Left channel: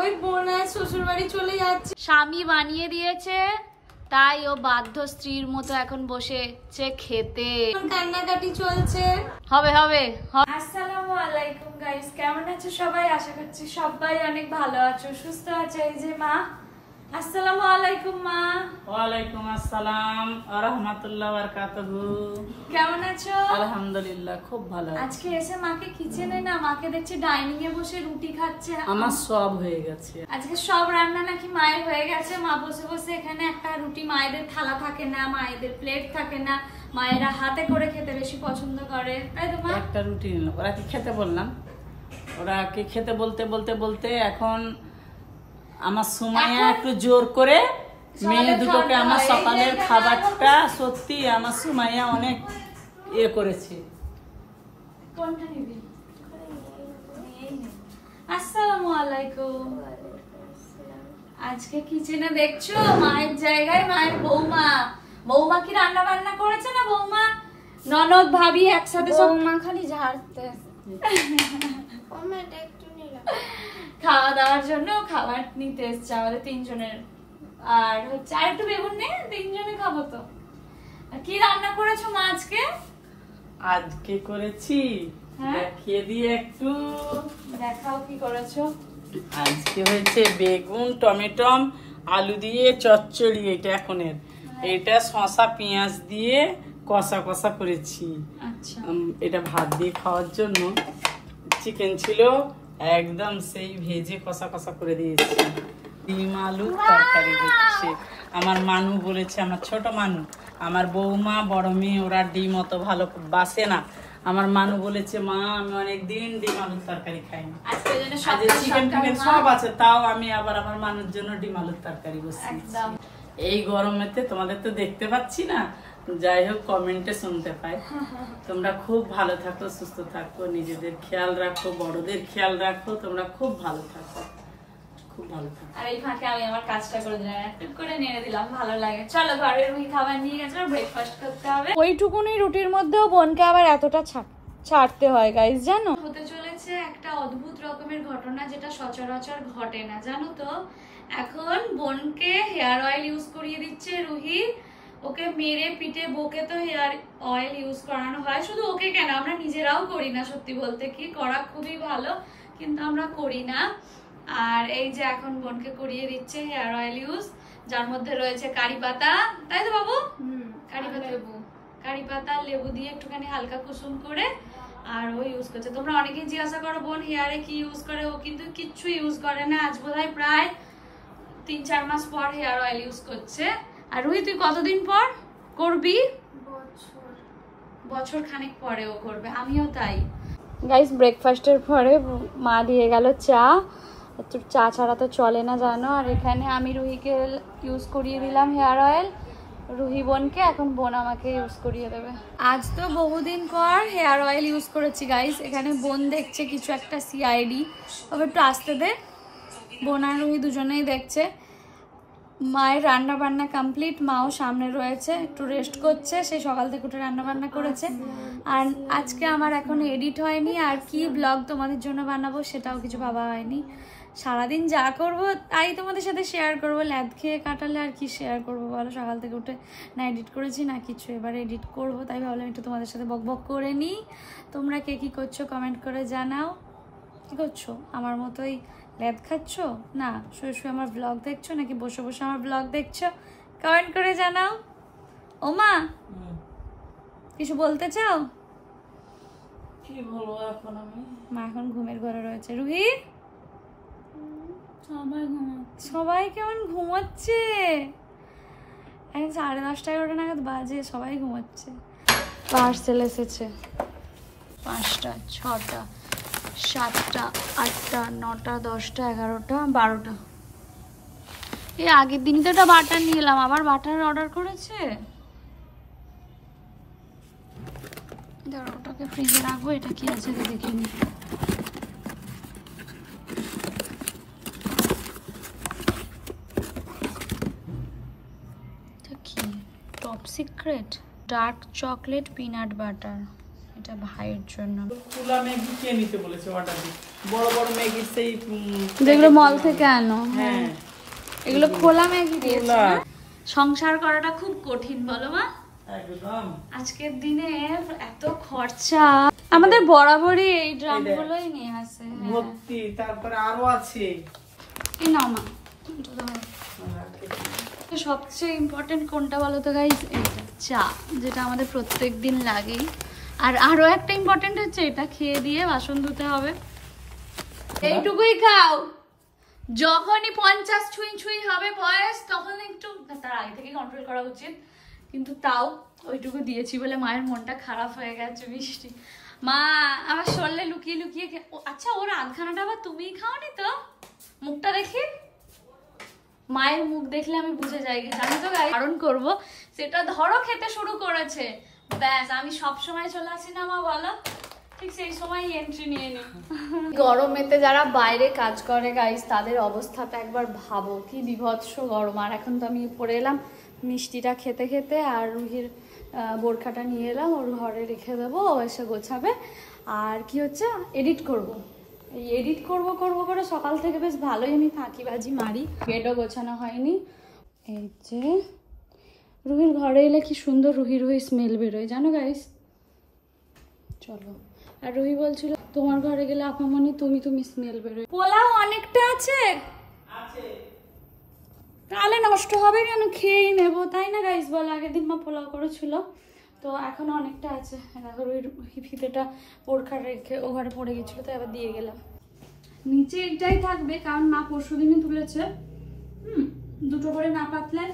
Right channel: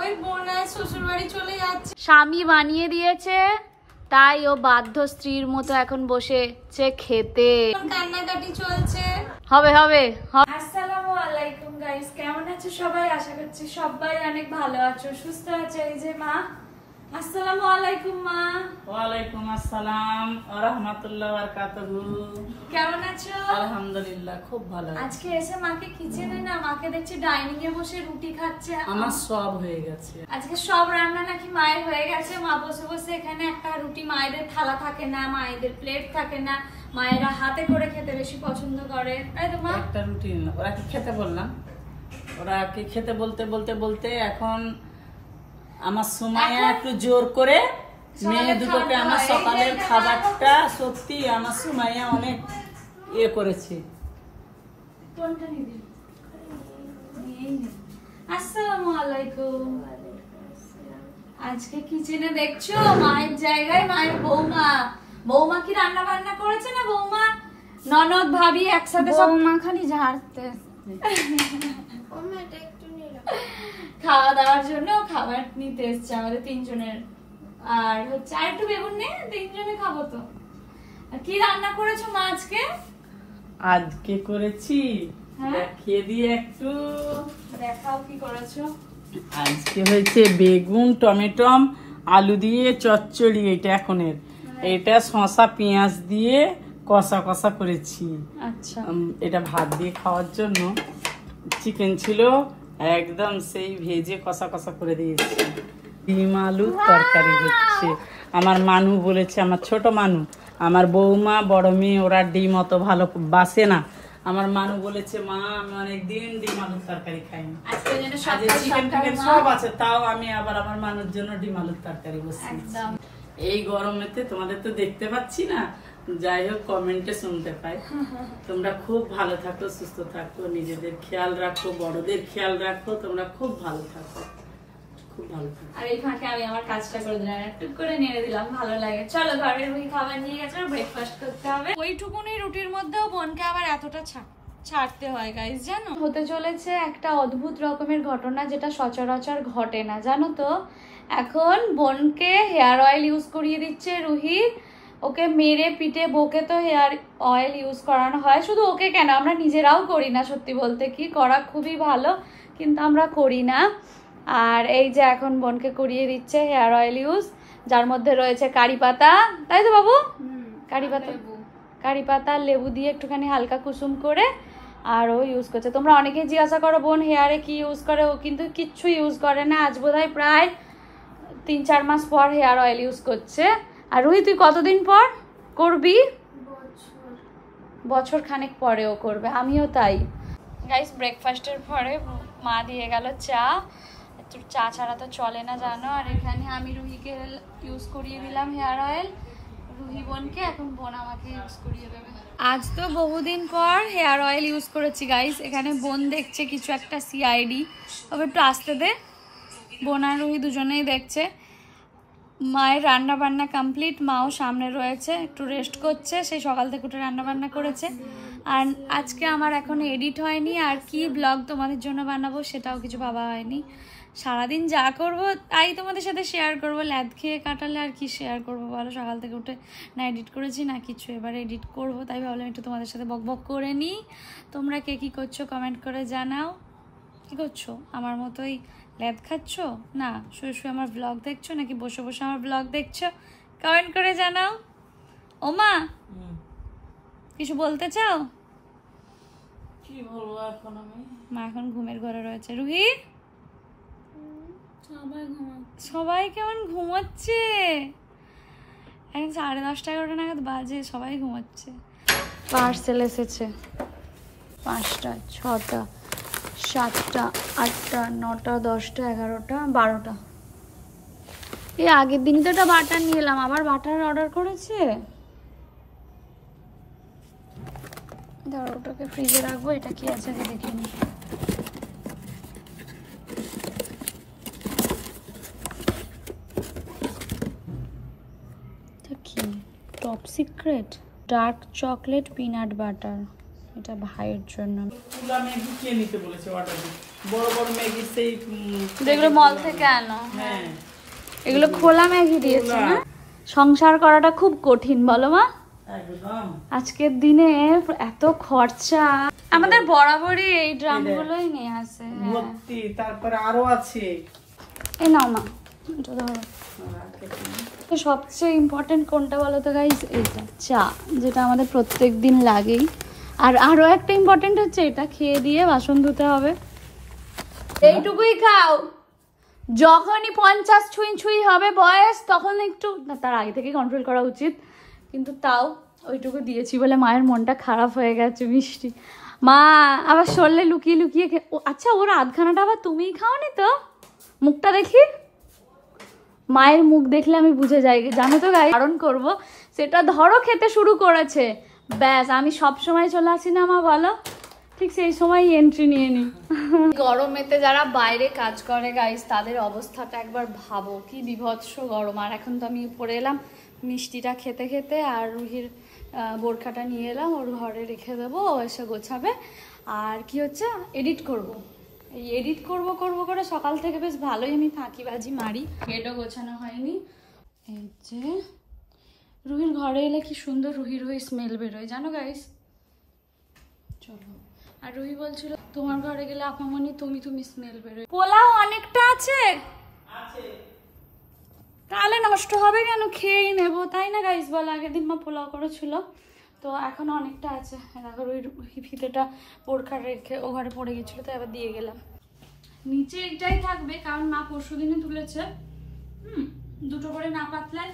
ওই বোন শ্বশুর বাড়ি চলে যাচ্ছে। স্বামী বানিয়ে দিয়েছে তাই ও বাধ্য স্ত্রীর মতো এখন বসেছে খেতে। কান্নাকাটি চলছে। হবে হবে। আসসালামু আলাইকুম গাইস, কেমন আছো সবাই? আশা করছি সবাই অনেক ভালো আছো, সুস্থ আছো। এই যে মা। আসসালামু আলাইকুম মা। ওয়ালাইকুম আসসালাম ওয়া রাহমাতুল্লাহি ওয়া বারাকাতুহু। কেমন আছো? আলহামদুলিল্লাহ, খুব ভালো আছি। আজকে এসে মাকে কিচেনে না, মাকে দেখছি ডাইনিং এ বসে রুটি খাচ্ছে। আমার সব হয়ে গেছে আজকে সব রান্না নাকি মায়ের হয়ে গেছে। মা বসে বসে এখানে একটা রুটি, মায়েদের থালা থাকে না, মায়েদের প্লেট থাকে না, মায়েরা হাতে করে খেতে বেশি পছন্দ করে, তাই তো মা? একটা রুটি নিলাম, ওরা কি খেতে বললাম, ওরা কি খেতে বলতে বলতে বলতে এখন আমার সময় একটু জোর করে মেয়ে দুটোকে আমার সকালের খাবারটা সত্যি আমার সময় অনেক ইয়ে করেছি। কোনটা নিবি? আসসালামু আলাইকুম। আজকে কিচেনে দেখছো মায়ের জায়গায় মায়ের বৌমা। বৌমা কি রান্না বান্না করেছে না? বৌমা ননদ ভাবি একসাথে সব বৌমা খালি ঝাড়তে খাওয়া দাওয়ার জন্য খাবার নিতে এসছে আমাদের তিনজনের। আর হচ্ছে আর একটু বেগুন নে, তিনজনে খাবো তো। আর কি রান্না করেছো মা আজকে? আজকে করেছি হ্যাঁ? দেখিয়ে দিয়ে একটু দেখাও কি করেছো। আজকে হয়েছে বেগুন টমেটো আলু দিয়ে চচ্চড়ি। এটা এখনের এটা শসা পেঁয়াজ দিয়ে কষা কষা করেছি। আচ্ছা, এটা ভাত দিয়ে খাওয়ার জন্য। চিকেন ছিল একদম সেই ভেজে কষা কষা করে দিয়েছি। ডিম আলু তরকারি হচ্ছে। আমার মানু বলেছে, আমার ছোট মানু, আমার বৌমা বড় মেয়ে ওরা ডিম অত ভালো বাসে না। আমার মানু বলেছে মা আমি অনেকদিন ডিম আলুর তরকারি খাইনি, আজকে যেন চিকেন টিকেন সব আছে, তাও আমি আবার আমার মানুর জন্য ডিম আলুর তরকারি বসিয়েছি। একদম। এই গরমেতে তোমাদের তো দেখতে পাচ্ছি না, যাই হোক কমেন্টে শুনতে পাই। তোমরা খুব ভালো থাকো, সুস্থ থাকো, নিজেদের খেয়াল রাখো, বড়দের খেয়াল রাখো, তোমরা খুব ভালো থাকো, খুব ভালো থাকো। আর এই ফাঁকে আমি আমার কাজটা করে দিলাম, একটু করে নেড়ে দিলাম, ভালো লাগে। চলো ঘরের মুখে খাবার নিয়ে গেছে, ব্রেকফাস্ট করতে হবে। ওইটুকুনি রুটির মধ্যেও বোনকে আবার এতটা ছাড়তে হয় গাইস, জানো? হতে চলেছে একটা অদ্ভুত রকমের ঘটনা, যেটা সচরাচর ঘটে না, জানো তো? এখন বোনকে হেয়ার অয়েল ইউজ করিয়ে দিচ্ছে রুহি। ওকে মেরে পিটে বকে তো হেয়ার অয়েল ইউজ করানো হয়। শুধু ওকে কেন, আমরা নিজেরাও করি না, সত্যি বলতে কি করা খুবই ভালো, কিন্তু আমরা করি না। আর এই যে এখন বোনকে করিয়ে দিচ্ছে হেয়ার অয়েল ইউজ, যার মধ্যে রয়েছে কারি পাতা, তাই তো বাবু? কারি পাতা লেবু দিয়ে একটুখানি হালকা কুসুম করে আর ও ইউজ করছে। তোমরা অনেকেই জিজ্ঞাসা করো বোন হেয়ারে কি ইউজ করে, ও কিন্তু কিচ্ছু ইউজ করে না। আজ বোধহয় প্রায় 3-4 মাস পর হেয়ার অয়েল ইউজ করছে। আর রুহি তুই কতদিন পর করবি? বছর খানেক পরেও করবে, আমিও তাই। গাইস, ব্রেকফাস্টের পরে মা দিয়ে গেল চা। একটু চা ছাড়া তো চলে না, জানো। আর এখানে আমি রুহিকে ইউজ করিয়ে দিলাম হেয়ার অয়েল, রুহি বোনকে, এখন বোন আমাকে ইউজ করিয়ে দেবে। আজ তো বহুদিন পর হেয়ার অয়েল ইউজ করেছি গাইস। এখানে বোন দেখছে কিছু একটা সিআইডি, তবে একটু আসতে দে। বোন আর রুহি দুজনেই দেখছে। মায়ের রান্না বান্না কমপ্লিট, মাও সামনে রয়েছে, একটু রেস্ট করছে, সেই সকাল থেকে উঠে রান্না বান্না করেছে। আর আজকে আমার এখন এডিট হয়নি, আর কি ব্লগ তোমাদের জন্য বানাবো সেটাও কিছু ভাবা হয়নি। সারাদিন যা করব তাই তোমাদের সাথে শেয়ার করবো। ল্যাদ খেয়ে কাটালে আর কি শেয়ার করবো বলো? সকাল থেকে উঠে না এডিট করেছি না কিছু, এবারে এডিট করব, তাই ভাবলাম একটু তোমাদের সাথে বক বক করে নিই। তোমরা কে কি করছো কমেন্ট করে জানাও। কি করছো? আমার মতোই ল্যাদ খাচ্ছ না শুয়ে শুয়ে আমার ব্লগ দেখছো, নাকি বসে বসে আমার ব্লগ দেখছো? কমেন্ট করে জানাও। ও মা, কিছু বলতে চাও? কি বলবো এখন আমি? মা এখন ঘুমের ঘরে রয়েছে। রুহি, সবাই কেমন ঘুমোচ্ছে? এখন 10:30-11টা নাগাদ বাজে, সবাই ঘুমোচ্ছে। পার্সেল এসেছে 5টা 6টা 7টা 8টা 9টা 10টা 11টা 12টা। এই আগের দিনই তো একটা বাটার নিয়ে এলাম, আবার বাটার অর্ডার করেছে। দাঁড়াও, ওটাকে ফ্রিজে রাখবো। এটা কি আছে দেখে নি। কি top secret dark chocolate peanut butter, এটা ভাইয়ের জন্য। তুলা ম্যাগি কে নিতে বলেছে অর্ডার দিতে? বড় বড় ম্যাগি সেই যেগুলো মল থেকে আনো। হ্যাঁ এগুলো খোলা ম্যাগি দিয়েছে না? সংসার করাটা খুব কঠিন বলো মা? একদম। আজকের দিনে এত খরচা, আমাদের বরাবরই এই ড্রামগুলোই নিয়ে আসে। ভর্তি, তারপরে আরো আছে। এই নাও মা, এটা ধরো। তো সবচেয়ে ইম্পর্টেন্ট কোনটা বলো তো গাইস? এইটা চা, যেটা আমাদের প্রত্যেক দিন লাগেই। আর আরো একটা ইম্পর্টেন্ট হচ্ছে এটা খেয়ে দিয়ে বাসন ধুতে হবে। এইটুকুই খাও, যখনই 50 ছুঁই ছুঁই হবে বয়স তখন একটু, তার আগে থেকে কন্ট্রোল করা উচিত, কিন্তু তাও ওইটুকু দিয়েছি বলে মায়ের মনটা খারাপ হয়ে গেছে। মিষ্টি মা আবার সরলে লুকিয়ে লুকিয়ে আচ্ছা ওর আধখানাটা আবার তুমিই খাওনি তো? মুখটা দেখি, মায়ের মুখ দেখলে আমি বুঝে যাই, জানো তো গাই কারণ করবো সেটা। ধরো খেতে শুরু করেছে, ব্যাস আমি সব সময় চলে আসি না মা বলো, ঠিক সেই সময় এন্ট্রি নিয়ে নি। গরমেতে যারা বাইরে কাজ করে গাইস তাদের অবস্থাটা একবার ভাবো, কি বিভৎস গরম। আর এখন তো আমি উপরে এলাম মিষ্টিটা খেতে খেতে, আর রুহির বোরখাটা নিয়ে এলাম, ওর ঘরে রেখে দেবো, ও এসে গোছাবে। আর কি হচ্ছে, এডিট করব। এই এডিট করব করে সকাল থেকে বেশ ভালোই আমি ফাঁকিবাজি মারি। গেটও গোছানো হয়নি। এই যে রুহির ঘরে এলে কি সুন্দর রুহি রুহি স্মেল বেরোয় জানো গাইস। চলো, আর রুহি বলছিল তোমার ঘরে গেলে আপামনি তুমি স্মেল বেরোয়। পোলাও অনেকটা আছে, তাহলে নষ্ট হবে কেন, খেয়েই নেবো তাই না গাইস বল। আগের দিন মা পোলাও করেছিল, তো এখন অনেকটা আছে। দেখো রুহি ফিতেটা বোরখা রেখে ও ঘরে পড়ে গেছিল, তো এবার দিয়ে গেলাম। নিচে একটাই থাকবে কারণ মা পরশু দিনে তুলেছে, দুটো করে না পাতলে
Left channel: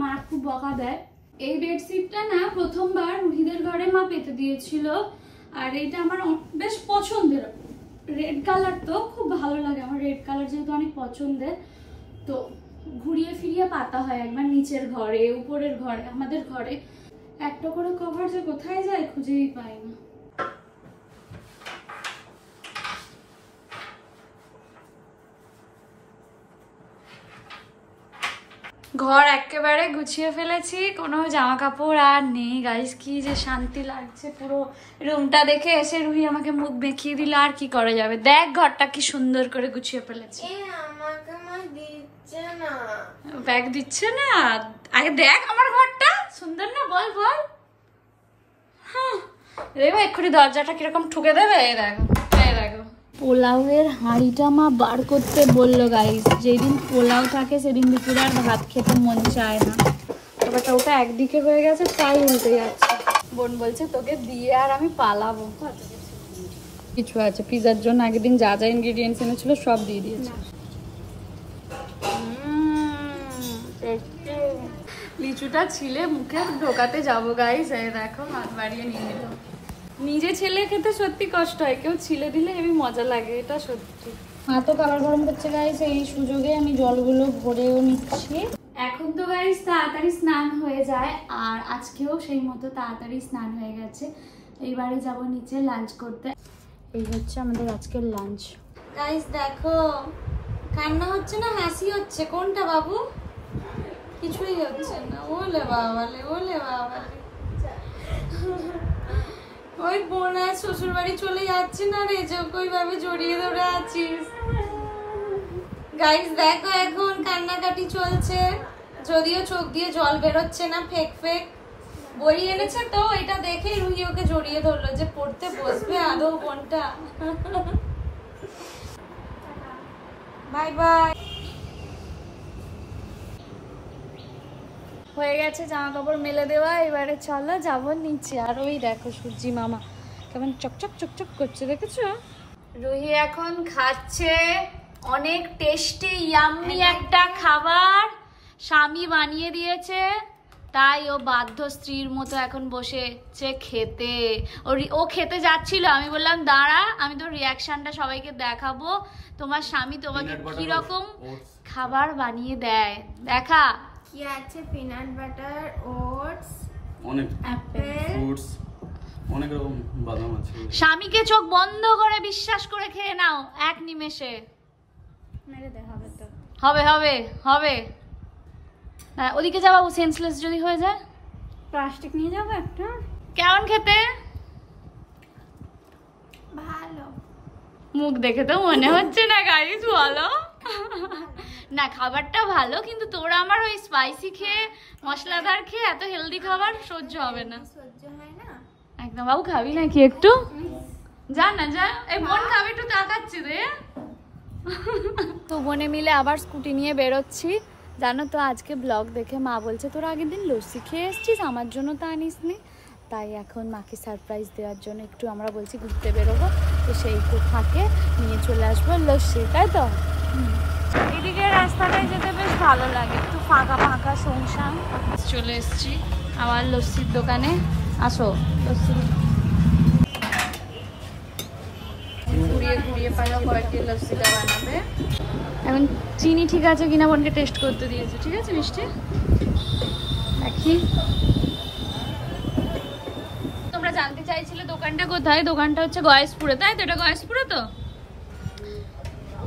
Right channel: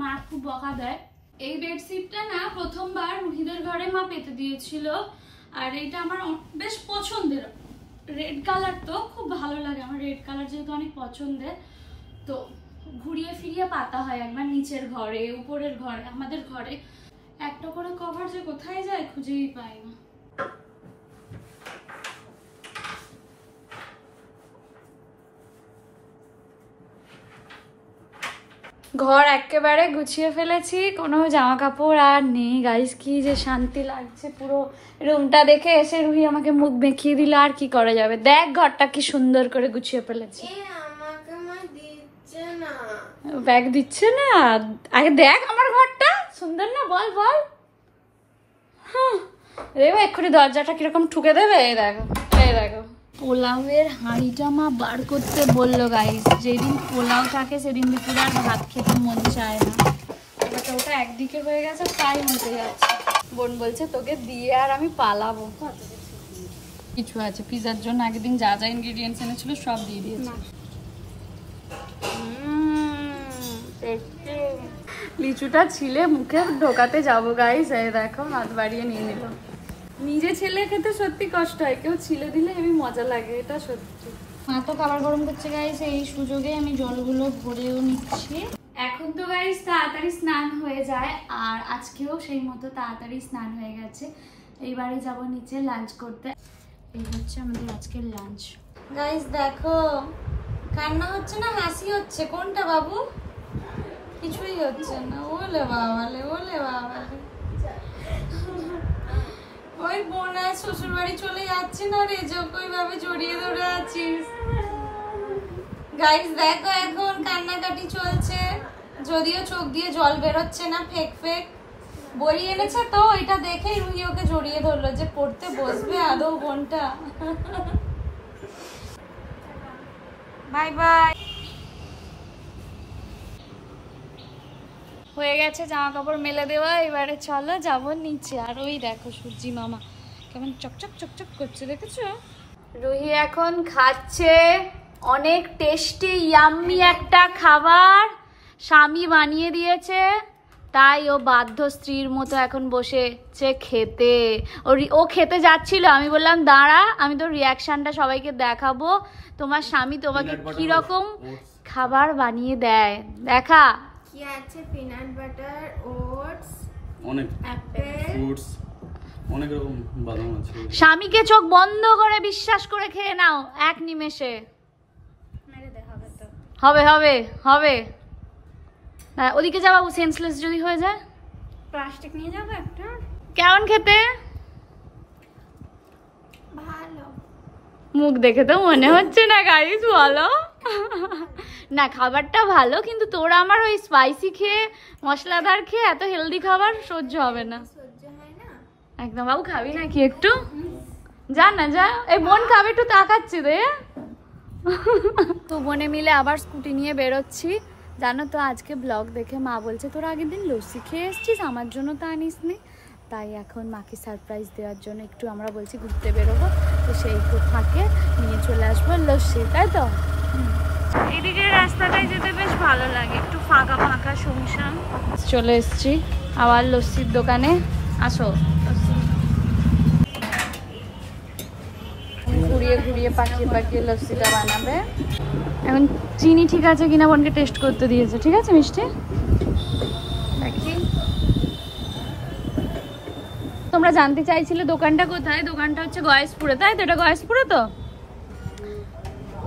মা খুব বকা দেয়। এই বেডশিটটা না প্রথমবার রুহিদের ঘরে মা পেতে দিয়েছিল, আর এইটা আমার বেশ পছন্দের। রেড কালার তো খুব ভালো লাগে আমার, রেড কালার যেহেতু অনেক পছন্দের। তো ঘুরিয়ে ফিরিয়ে পাতা হয় একবার নিচের ঘরে, উপরের ঘরে, আমাদের ঘরে। একটা করে কভার যে কোথায় যায় খুঁজেই পাই না। ঘর একেবারে গুছিয়ে ফেলেছি, কোনো জামা কাপড় আর নেই গাইস। কি যে শান্তি লাগছে, পুরো রুমটা দেখে এসে রুহি আমাকে মুখ মেখিয়ে দিল। আর কি করা যাবে, দেখ ঘরটা কি সুন্দর করে গুছিয়ে ফেলেছি। ব্যাগ দিচ্ছে না, আগে দেখ আমার ঘরটা সুন্দর না, বল বল। দেখো এক্ষুনি দরজাটা কিরকম ঠুকে দেবে। এই দেখো, এই দেখো পোলাওয়ের হাঁড়িটা মা বার করতে বললো গাইস। যেদিন পোলাও থাকে সেদিন দুপুরে আর ভাত খেতে মন চায় না। এবার ওটা একদিকে হয়ে গেছে, তাই উল্টে যাচ্ছে। বোন বলছে তোকে দিয়ে আর আমি পালাবো। কিছু আছে পিজার জন্য, আগের দিন যা যা ইনগ্রিডিয়েন্টস এনেছিল সব দিয়ে দিয়েছে। লিচুটা ছিলে মুখে ঢোকাতে যাবো গাইস, এই দেখো হাত বাড়িয়ে নিয়ে নিল। নিজে ছেলে খেতে সত্যি কষ্ট হয়, কেউ ছিলে দিলে হেবি মজা লাগে, এটা সত্যি। মা তো খাবার গরম করছে গাইস, এই সুযোগে আমি জলগুলো ভরেও নিচ্ছি। এখন তো গাইস তাড়াতাড়ি স্নান হয়ে যায়, আর আজকেও সেই মতো তাড়াতাড়ি স্নান হয়ে গেছে। এইবারে যাব নিচে লাঞ্চ করতে। এই হচ্ছে আমাদের আজকের লাঞ্চ। গাইস দেখো কান্না হচ্ছে না হাসি হচ্ছে, কোনটা বাবু? কিছুই হচ্ছে না। ওলে বাবালে, ওলে বাবালে। ওই বোন আর শ্বশুর বাড়ি চলে যাচ্ছে না রে, যকই ভাবে জড়িয়ে ধরে আছিস। গাইস দেখো এখন কান্নাকাটি চলছে, যদিও চোখ দিয়ে জল বেরোচ্ছে না, ফেক ফেক। বই এনেছে তো, এটা দেখেই রুহি ওকে জড়িয়ে ধরলো যে পড়তে বসবে আদৌ বোনটা। Bye bye. হয়ে গেছে জামা কাপড় মেলে দেওয়া, এবারে চলো যাবো নিচে। আর ওই দেখো সূর্যি মামা কেমন চকচক চকচক করছে, দেখেছো? রুহি এখন খাচ্ছে অনেক টেস্টি ইয়াম্মি একটা খাবার, স্বামী বানিয়ে দিয়েছে, তাই ও বাধ্য স্ত্রীর মতো এখন বসেছে খেতে। ও খেতে যাচ্ছিল, আমি বললাম দাঁড়া আমি তোর রিয়াকশনটা সবাইকে দেখাবো, তোমার স্বামী তোমাকে কিরকম খাবার বানিয়ে দেয় দেখা। কি আছে? পিনাট বাটার, ওটস, অনেক অ্যাপেল, ফ্রুটস, অনেক রকম বাদাম আছে। স্বামীকে চোখ বন্ধ করে বিশ্বাস করে খেয়ে নাও এক নিমেষে। হবে হবে হবে। ওদিকে যাবো, সেন্সলেস যদি হয়ে যায়। প্লাস্টিক নিয়ে যাবো একটা। কেমন খেতে? ভালো। মুখ দেখে তো মনে হচ্ছে না গাইস, বলো। না খাবারটা ভালো, কিন্তু তোরা আমার ওই স্পাইসি খেয়ে মশলাদার খেয়ে এত হেলদি খাবার সহ্য হবে না। সহ্য হয় না। একদম। বাবু খাবি নাকি একটু? যা না যা, এই বোন খাবে, একটু তাকাচ্ছি রে। তো বোনে মিলে আবার স্কুটি নিয়ে বেরোচ্ছি। জানো তো আজকে ব্লগ দেখে মা বলছে তোরা আগের দিন লস্যি খেয়ে এসছিস, আমার জন্য তো আনিস নি। তাই এখন মাকে সারপ্রাইজ দেওয়ার জন্য একটু আমরা বলছি ঘুরতে বেরোবো, তো সেই ফাঁকে নিয়ে চলে আসবো লস্যি, তাই তো? এদিকে রাস্তাটায় যেতে বেশ ভালো লাগে, একটু ফাঁকা ফাঁকা শুনশান। চলে এসছি আবার লস্যির দোকানে। আসো, ঘুরিয়ে ঘুরিয়ে পাকিয়ে পাকিয়ে লস্যিটা বানাবে। এখন চিনি ঠিক আছে কিনা বোনকে টেস্ট করতে দিয়েছে। ঠিক আছে মিষ্টি, দেখি। তোমরা জানতে চাইছিলে দোকানটা কোথায়? দোকানটা হচ্ছে গয়েশপুরে, তাই তো? এটা গয়েশপুরে তো?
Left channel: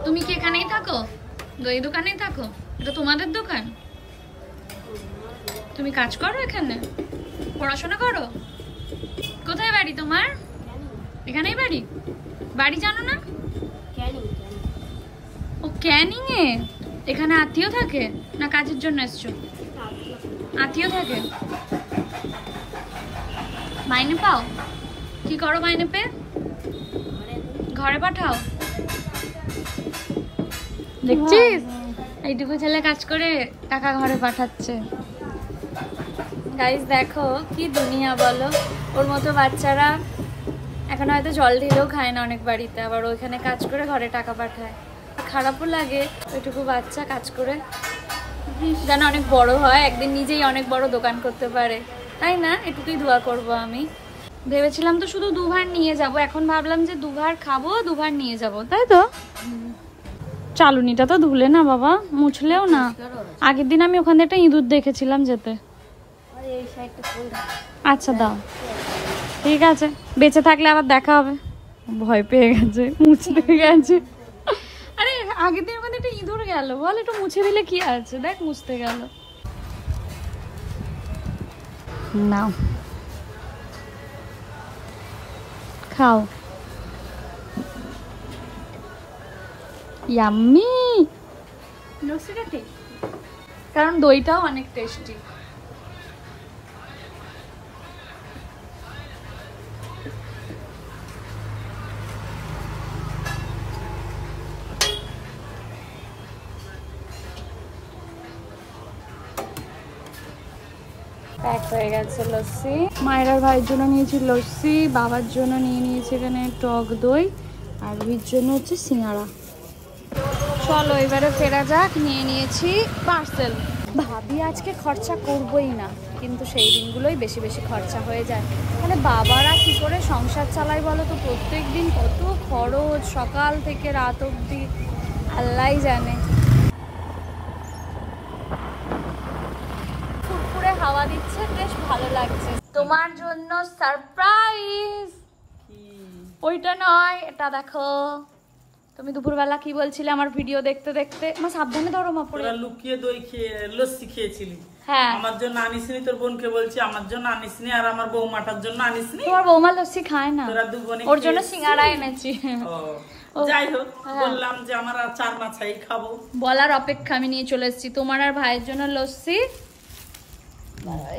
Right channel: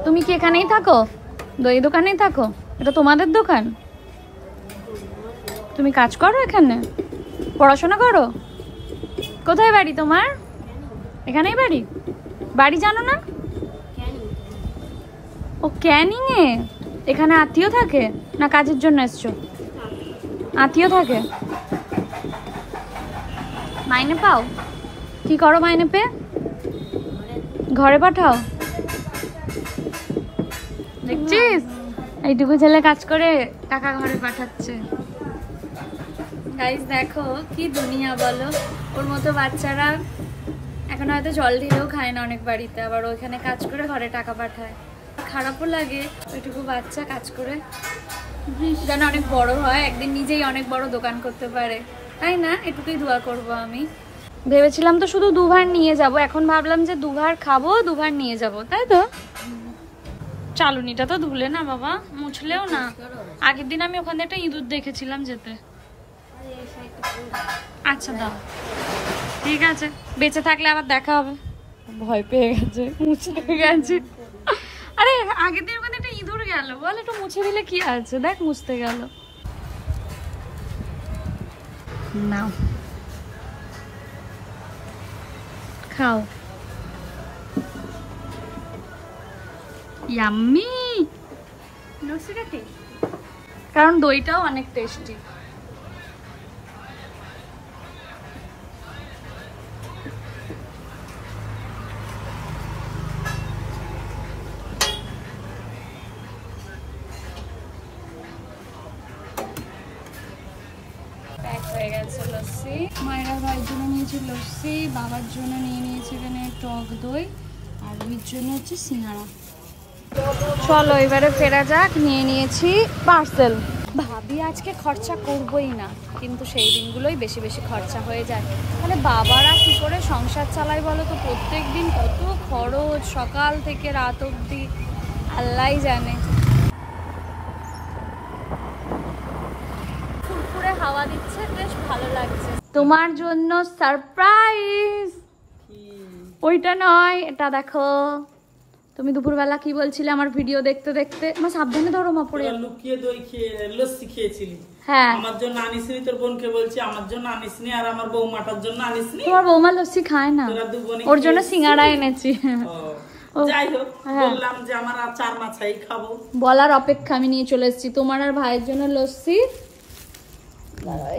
তুমি কি এখানেই থাকো? দই দোকানেই থাকো? এটা তোমাদের দোকান? তুমি কাজ করো এখানে? পড়াশোনা করো? কোথায় বাড়ি তোমার? এখানেই বাড়ি? বাড়ি জানো না? ও ক্যানিং এ। এখানে আত্মীয় থাকে না কাজের জন্য এসছো? আত্মীয় থাকে। মাইনে পাও? কি করো মাইনে পেয়ে? ঘরে পাঠাও? দেখছিস এইটুকু ছেলে কাজ করে টাকা ঘরে পাঠাচ্ছে। গাইস দেখো কি দুনিয়া বলো। ওর মতো বাচ্চারা এখন হয়তো জল ঢেলেও খায় না অনেক বাড়িতে, আবার ওইখানে কাজ করে ঘরে টাকা পাঠায়। খারাপও লাগে ওইটুকু বাচ্চা কাজ করে যেন অনেক বড় হয়, একদিন নিজেই অনেক বড় দোকান করতে পারে, তাই না? এটুকুই দোয়া করব আমি। ভেবেছিলাম তো শুধু দুবার নিয়ে যাব, এখন ভাবলাম যে দুবার খাবো দুবার নিয়ে যাব, তাই তো? চালুনিটা তো ধুলে না বাবা, মুছলেও না। আগের দিন আমি ওখানে একটা ইঁদুর দেখেছিলাম যেতে। আচ্ছা দাও, ঠিক আছে, বেঁচে থাকলে আবার দেখা হবে। ভয় পেয়ে গেছে, মুছতে গেছে। আরে আগের দিন ওখানে একটা ইঁদুর গেল, বল একটু মুছে দিলে কি আছে, দেখ মুছতে গেল। না খাও, ইয়াম্মি। লস্যিটা টেস্টি, কারণ দইটাও অনেক টেস্টি। প্যাক হয়ে গেছে লস্যি। মায়ের ভাইয়ের জন্য নিয়েছি লস্যি, বাবার জন্য নিয়ে নিয়েছি এখানে টক দই, আর রুহির জন্য হচ্ছে সিঙ্গারা। চলো এবারে ফেরা যাক। নিয়ে নিয়েছি পার্সেল। ভাবি আজকে খরচা করবই না, কিন্তু সেই দিনগুলোই বেশি বেশি খরচা হয়ে যায়। তাহলে বাবারা কি করে সংসার চালায় বলো তো? প্রত্যেক দিন কত খরচ, সকাল থেকে রাত অবধি আল্লাহই জানে। ফুরফুরে হাওয়া দিচ্ছে, বেশ ভালো লাগছে। তোমার জন্য সারপ্রাইজ। ওইটা নয়, এটা দেখো। তুমি দুপুরবেলা কি বলছিলে আমার ভিডিও দেখতে দেখতে? আমার সাবধানে ধরো মা, পড়ে লুকিয়ে দই খেয়ে লস্যি খেয়েছিলি। হ্যাঁ, আমার জন্য আনিসনি, তোর বোনকে বলছি আমার জন্য আনিসনি, আর আমার বৌমাটার জন্য আনিসনি। তোমার বৌমা লস্যি খায় না, তোরা দু বোনে ওর জন্য সিঙ্গারা এনেছি। যাই হোক, বললাম যে আমার আর 4 মাছাই খাবো, বলার অপেক্ষা আমি নিয়ে চলে এসেছি তোমার আর ভাইয়ের জন্য লস্যি।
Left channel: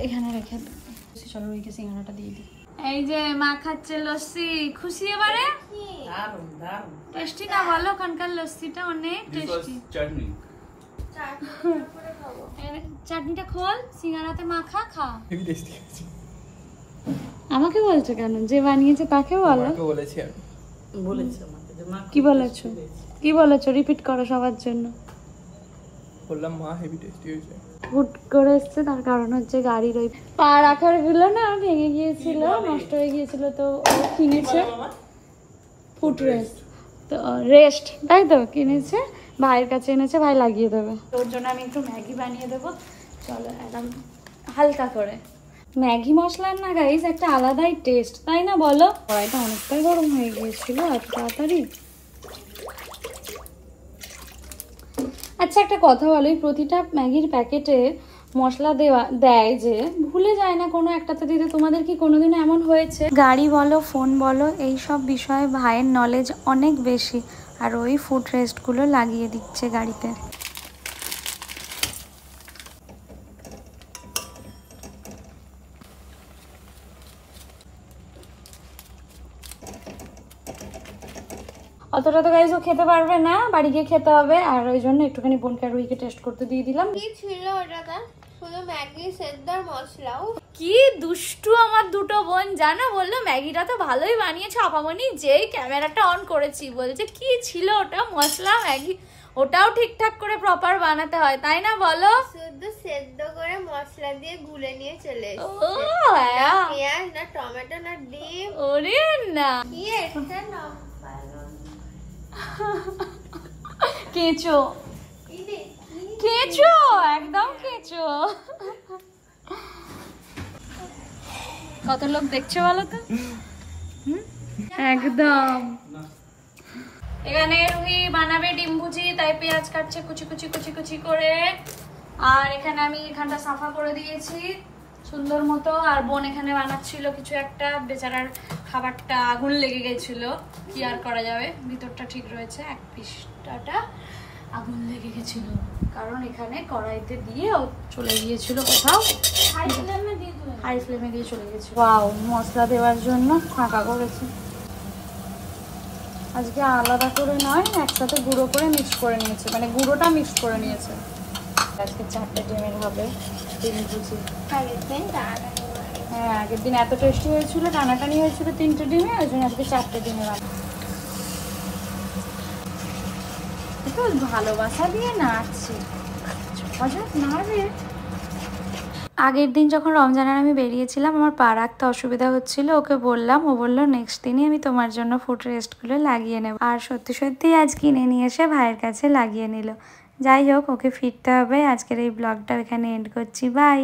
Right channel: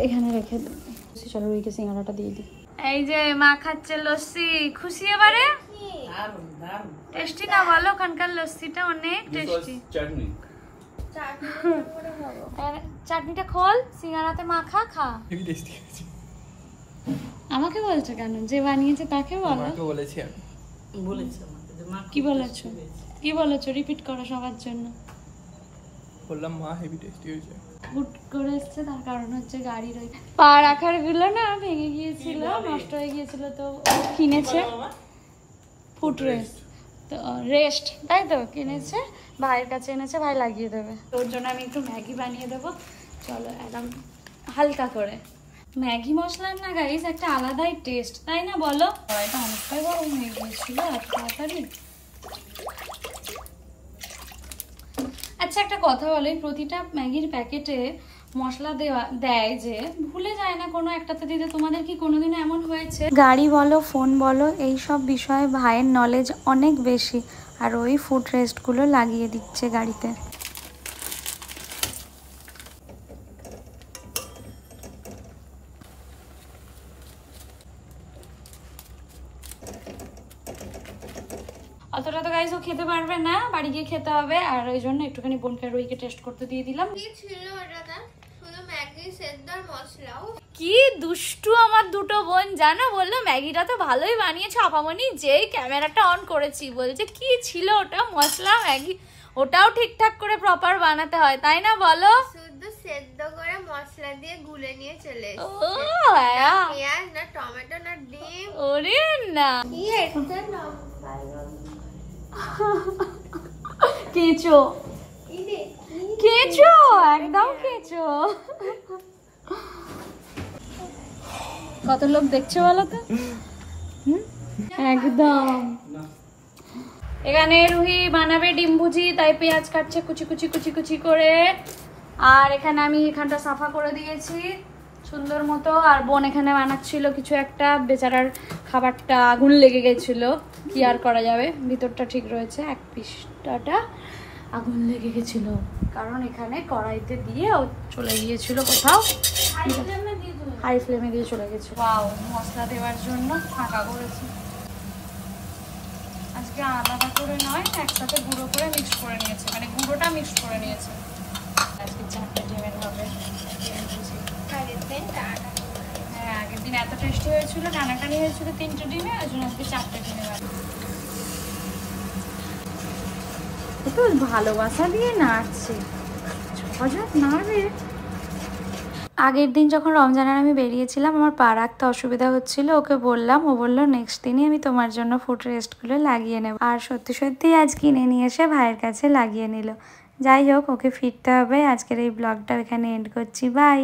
এখানে রেখে দিই, চলো রুইকে সিঙ্গারাটা দিয়ে দিই। এই যে মা খাচ্ছে লস্যি, খুশি এবারে? দারুন দারুন টেস্টি না বলো? ওখানকার লস্যিটা অনেক টেস্টি। চাটনি চাটনিটা খোল, সিঙ্গারাতে মাখা খা। হেভি টেস্টি আছে। আমাকে বলছো কেন? যে বানিয়েছে তাকে বলো। আমাকে বলেছি আমি। বলেছে আমাকে যে মা কি বলেছো? কি বলেছো? রিপিট করো সবার জন্য। বললাম মা হেভি টেস্টি হয়েছে। হুট করে এসছে, তার কারণ হচ্ছে গাড়ির ওই পা রাখার গুলো না ভেঙে গিয়েছিল, নষ্ট হয়ে গিয়েছিল, তো ও কিনেছে ফুট রেস্ট, তো রেস্ট, তাই তো কিনেছে, ভাইয়ের কাছে এনেছে, ভাই লাগিয়ে দেবে। তোর জন্য আমি একটু ম্যাগি বানিয়ে দেবো। চলো একদম হালকা করে। ম্যাগি মশলার না গাইস একটা আলাদাই টেস্ট, তাই না বলো? অনেকটা গরম হয়ে গিয়েছিল এত তাড়াতাড়ি। আচ্ছা একটা কথা বলো, এই প্রতিটা ম্যাগির প্যাকেটে মশলা দেয় যে ভুলে যায় না কোনো একটাতে দিতে। তোমাদের কি কোনোদিন এমন হয়েছে? গাড়ি বলো, ফোন বলো, এই সব বিষয়ে ভাইয়ের নলেজ অনেক বেশি, আর ওই ফুড রেস্টগুলো লাগিয়ে দিচ্ছে গাড়িতে। অতটা তো গাইজ ও খেতে পারবে না, বাড়ি গিয়ে খেতে হবে। আর ওই জন্য একটুখানি বোনকে আর রুহিকে টেস্ট করতে দিয়ে দিলাম। কি ছিল ওটাতে? শুধু ম্যাগি সেদ্ধ আর মশলা। কি দুষ্টু আমার দুটো বোন, জানো, বললো ম্যাগিটা তো ভালোই বানিয়েছে আপামনি, যেই ক্যামেরাটা অন করেছি বলছে কি ছিল ওটা, মশলা ম্যাগি, ওটাও ঠিকঠাক করে প্রপার বানাতে হয়, তাই না বলো? শুধু সেদ্ধ করে মশলা দিয়ে গুলে নিয়ে চলে ও এসেছে। হ্যাঁ, পেঁয়াজ না টমেটো না ডিম। ওরে না, কি একটা কেঁচো কেঁচো, একদম কেঁচো। কত লোক দেখছে বলো তো? একদম। এখানে রুহি বানাবে ডিম ভুজি, তাই পেঁয়াজ কাটছে কুচি কুচি কুচি কুচি করে। আর এখানে আমি এখানটা সাফা করে দিয়েছি সুন্দর মতো। আর বোন এখানে বানাচ্ছিল কিছু একটা, বেচারার খাবারটা আগুন লেগে গেছিল, কি আর করা যাবে, ভিতরটা ঠিক রয়েছে, এক পিসটা আগুন লেগে গেছিল কারণ এখানে কড়াইতে দিয়ে ও চলে গিয়েছিল কোথাও, হাই ফ্লেমে দিয়ে চলে গেছে। ওয়াও, মশলা দেওয়ার জন্য ফাঁকা করেছে। আজকে আলাদা করে নয়, একসাথে গুঁড়ো করে মিক্স করে নিয়েছে, মানে গুঁড়োটা মিক্স করে নিয়েছে। আজকে 4টা ডিমের হবে ডিম ভুজি। হ্যাঁ, আগের দিন এত টেস্টি হয়েছিল, টানাটানি হয়েছিল 3টে ডিমে, ওই জন্য আজকে 4টে ডিমে হবে। একটু ভালোবাসা দিয়ে নাড়ছে, হঠাৎ নাড়বে। আগের দিন যখন রমজানের আমি বেরিয়েছিলাম, আমার পা রাখতে অসুবিধা হচ্ছিল, ওকে বললাম, ও বললো নেক্সট দিনই আমি তোমার জন্য ফুড রেস্টগুলো লাগিয়ে নেব। আর সত্যি সত্যি আজ কিনে নিয়ে এসে ভাইয়ের কাছে লাগিয়ে নিল। যাই হোক, ওকে ফিরতে হবে। আজকের এই ব্লগটা এখানে এন্ড করছি, বাই।